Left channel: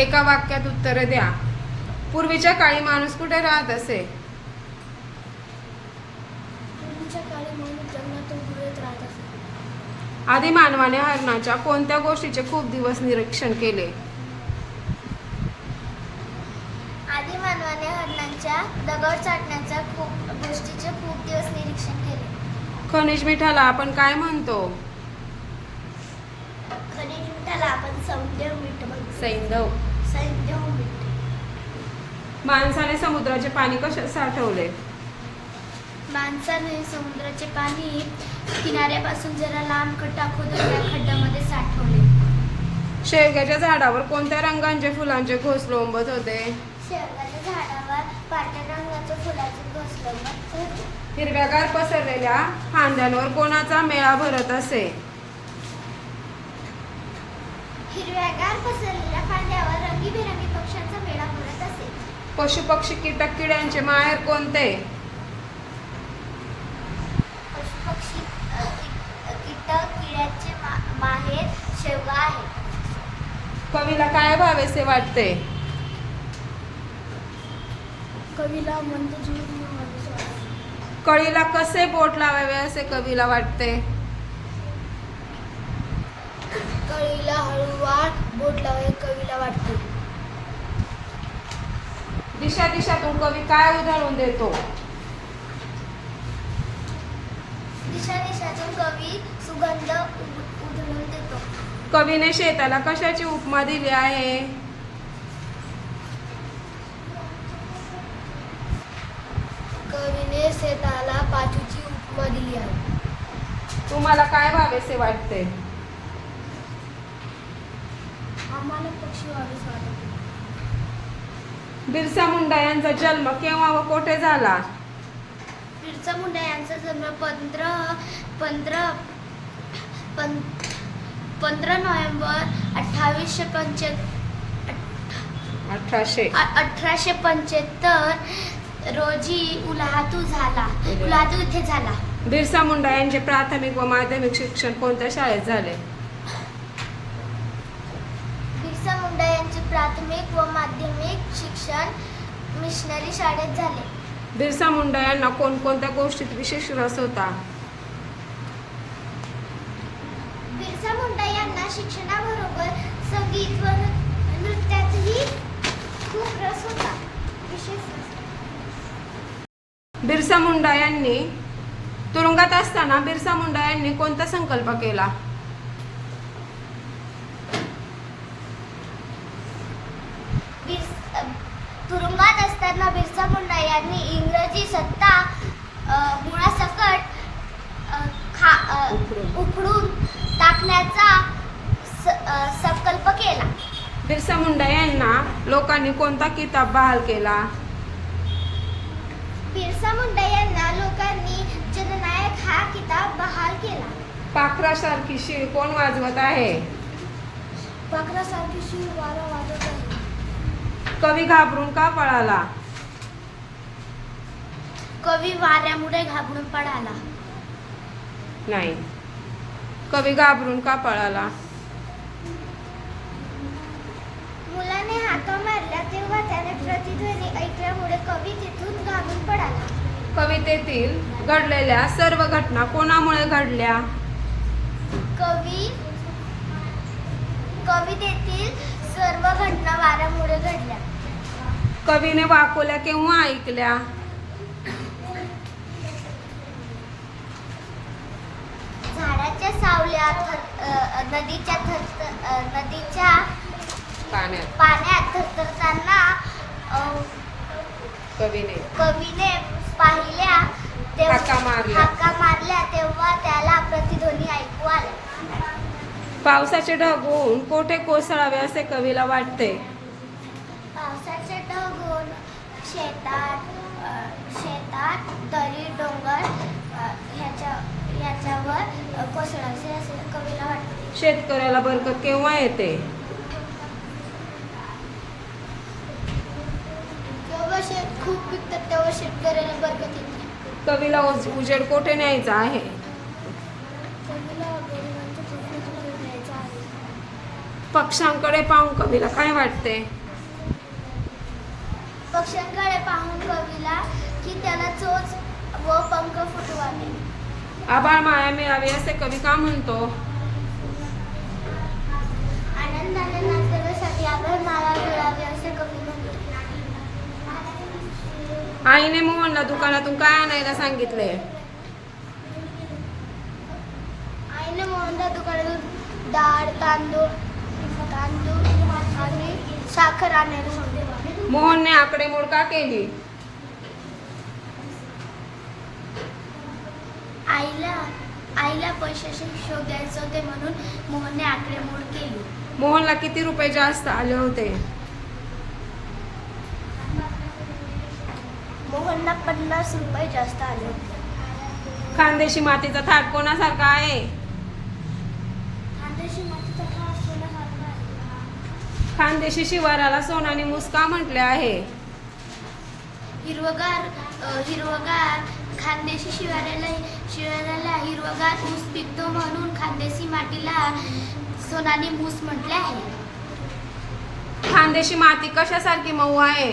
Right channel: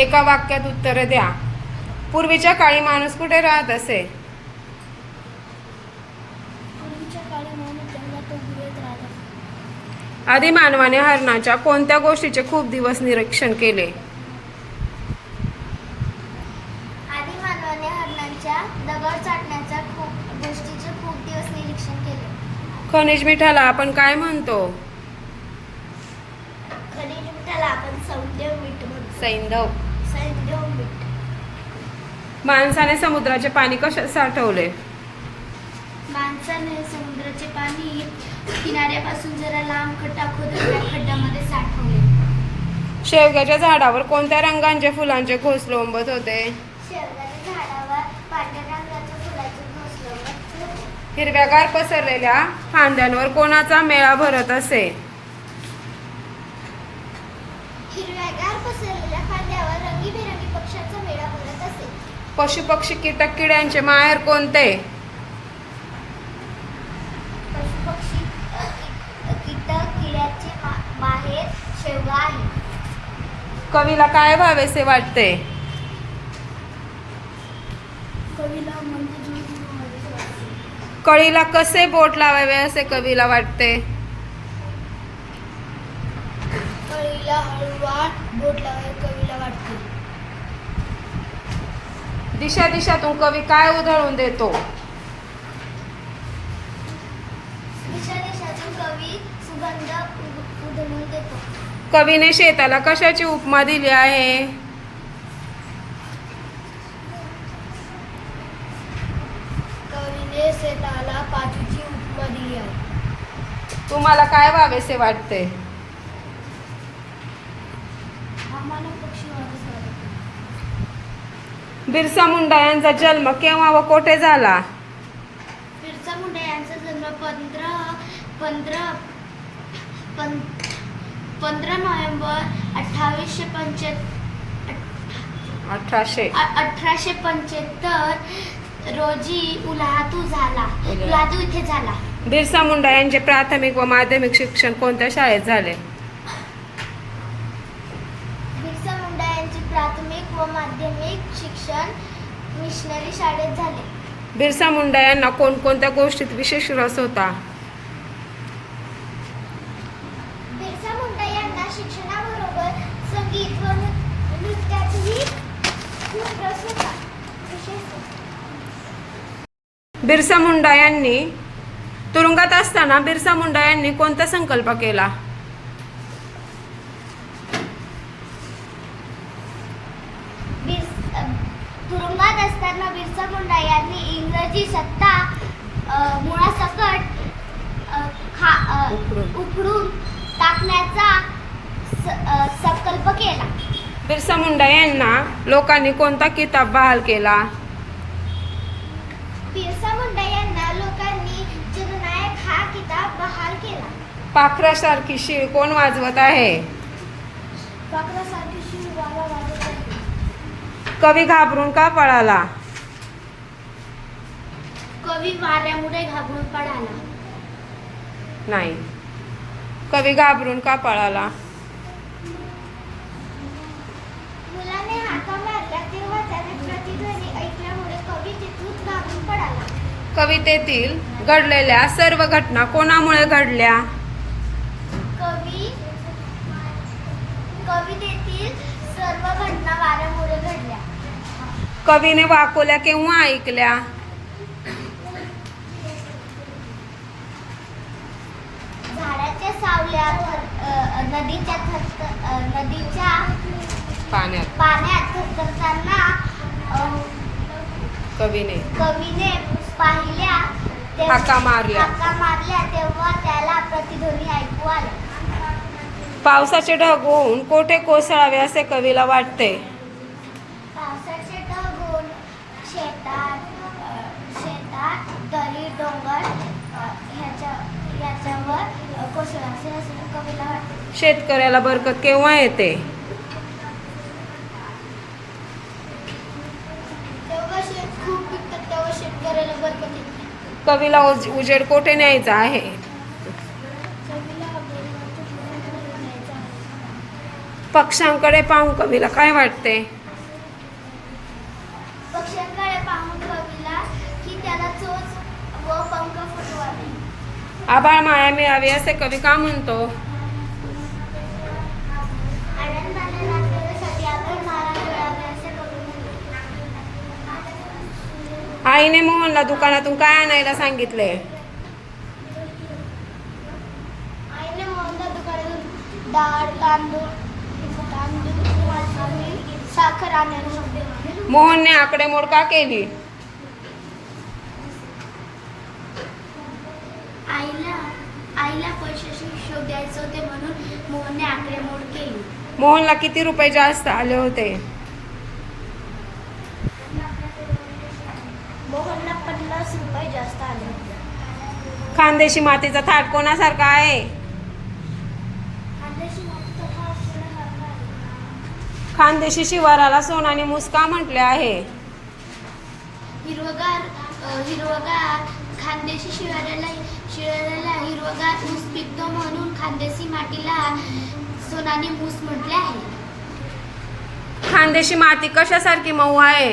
एका वाक्यात उत्तर द्या. पूर्वीच्या काळी माणूस कुठे राहत असे? आधी मानवाने हरणाच्या कोणत्या गोष्टीचे खूप दिवस निरीक्षण केले? आधी मानवाने हरणांच्या दगड चाटण्याचा खूप गोष्टीचे खूप दिवस निरीक्षण केले. खनिज मिठाला आपण काय म्हणतो? खनिज मिठाला आपण सौंदर्य मीठ म्हणतो. सैंधव. माणसाने समुद्राचे पाणी कशात साठवले? माणसाने समुद्राचे पाणी किनाऱ्यापासून जरा लांब खड्डा खोदून त्या खड्ड्यामध्ये साठवले. शेवग्याच्या झाडावर कोणत्या रंगांचे फुलांचे घोस लोंबत होते? शेवगाच्या झाडावर पांढऱ्या रंगाच्या फुलाचे घोसले होते. हिरव्यागार पसरलेल्या फांद्यांवर कोणाचा मेळा भरत असे? हिरव्यागार पसरलेल्या फांद्यावर रंगीबेरंगी पक्ष्याचा मेळा भरत असे पशु पक्षी कीटक किड्यांचे माहेर कोणते कीटक किड्याचे मा- माहेर शेवगा आहे. कवीला काय व्हावेसे वाटते? कवीला कळीला कसे बोट लावावे असे कवीला वाटते? कळीला हळूवार बोट लावाय कवीला वाटते. दिशा दिशातून कवी काय उधळून देतो? दिशा दिशातून कवी सुगंध उधळून देतो. कवीने शेताला कशाची उपमा दिली आहे? कवीने शेताला पाचूची उपमा दिली आहे. तुम्हाला काय व्हावेसे वाटते आम्हाला पक्षी वाढीस वाटते बिरसा मुंडा यांचा जन्म केव्हा व कोठे झाला? बिरसा मुंडा यांचा जन्म पंधरा पंधरा पंधरा नोव्हेंबर अठ्ठावीसशे पंच्याहत्तर अठराशे. अठराशे पंच्याहत्तर रोजी उल्हातू झाला. उल्हा- उल्हातू इथे झाला. बिरसा मुंडा यांचे प्राथमिक व माध्यमिक शिक्षण कोणत्या शाळेत झाले बिरसा मुंडा यांचे प्राथमिक व माध्यमिक शिक्षण मिशनरी शाळेत झाले. बिरसा मुंडा यांना कोणकोणत्या गोष्टीत विशेष रस होता? बिरसा मुंडा यांना शिक्षणाबरोबर संगीत व नृ- नृत्यातही खूप रस होता. विशेष रस. बिरसा मुंडा यांनी तुरुंगात असताना बिरसा मुंडा यांनी कोणता संकल्प केला बिर- अ, तुरुंगात असताना बिरसा मुंडा यांनी इंग्रजी सत्ता मुळासकट खा उखडून. टाकण्याचा संकल्प केला. बिरसा मुंडा यांना लोकांनी कोणता किताब बहाल केला? बिरसा मुंडा यांना लोकांनी जननायक हा किताब बहाल केला. पाखरासारखी शीळ कोण वाजवत आहे? पाखरासारखी शिव वारा वाजत आहे. कवी घाबरून का पळाला? कवी वाऱ्यामुळे घाबरून पडाला नाही. कवी घाबरून का पळाला? मुलाने हाका मारला तेव्हा त्याने प्रतिध्वनी ऐकल्यामुळे कवी तिथून घाबरून पडाला कवितेतील घडलेल्या सर्व घटना कोणामुळे घडल्या? कवी कवितेतील सर्व घटना वाऱ्यामुळे घडल्या. कवीने वाकोल्या केव्हा ऐकल्या? अ, नदीच्या थर नदीच्या पाण्यात. पाण्यात थरथरताना कवीने. कवीने पाहिल्या तेव्हा- हाका मारल्या. हाका मारल्या तेव्हा त्याला प्रतिध्वनी ऐकू आला. पावसाचे ढग होऊन कोठे कोसळावे असे कवीला वाटते? पावसाचे ढग होऊन शेतात अ, शेतात दरी डोंगर अ, ह्याच्या ह्याच्यावर शेतकऱ्याला बरकत केव्हा येते? कवीला उज- उजेड कोठे न्यायचा आहे. पक्ष्यांकडे पाहून कवीला काय वाटते? पक्ष्यांकडे पाहून कवीला की त्याला चोच व पंख फुटवावे. आभाळ माया मिळावी असे कवी का म्हणतो? आईने मोहनला दुकानातून काय आणायला सांगितले? आईने मोहनला दुकानातून डाळ तांदूळ तांदूळ आणि साखर आणायला सांगितले. मोहनने आकडेमोड का केली? आईला आईला पैशाचे हिशोब द्यायचे होते म्हणून मोहनने आकडेमोड केली. मोहनला किती रुपये जास्त आले होते? मोहनला पन्नास रुपये जास्त आले होते. खानदेशी मातीचा थाट कोणासारखा आहे? खानदेशी मातीचा भाव सोन्यासारखा आहे. खानदेशी शिवाराला सोनानी मुस्का म्हटले आहे. हिरवगार अ, हिरवगार खानदेशी शिवाऱ्याला शिवाऱ्याला हिरवगार मूस पिकतो म्हणून खानदेशी मातीला सोनानी मूस म्हटले आहे. खानदेशी माती कशासारखी मऊ आहे?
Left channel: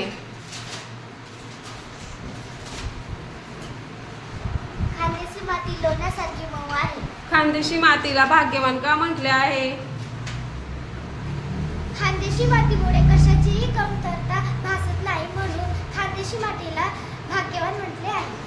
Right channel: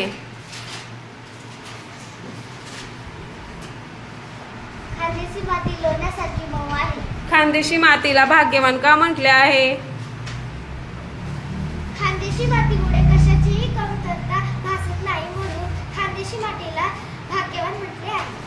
खानदेशी माती लोण्यासारखी मऊ आहे. खानदेशी मातीला भाग्यवान का म्हटले आहे? खानदेशी मातीमुळे कशाचीही कमतरता भासत नाही म्हणून खानदेशी मातीला भाग्यवान म्हटले आहे.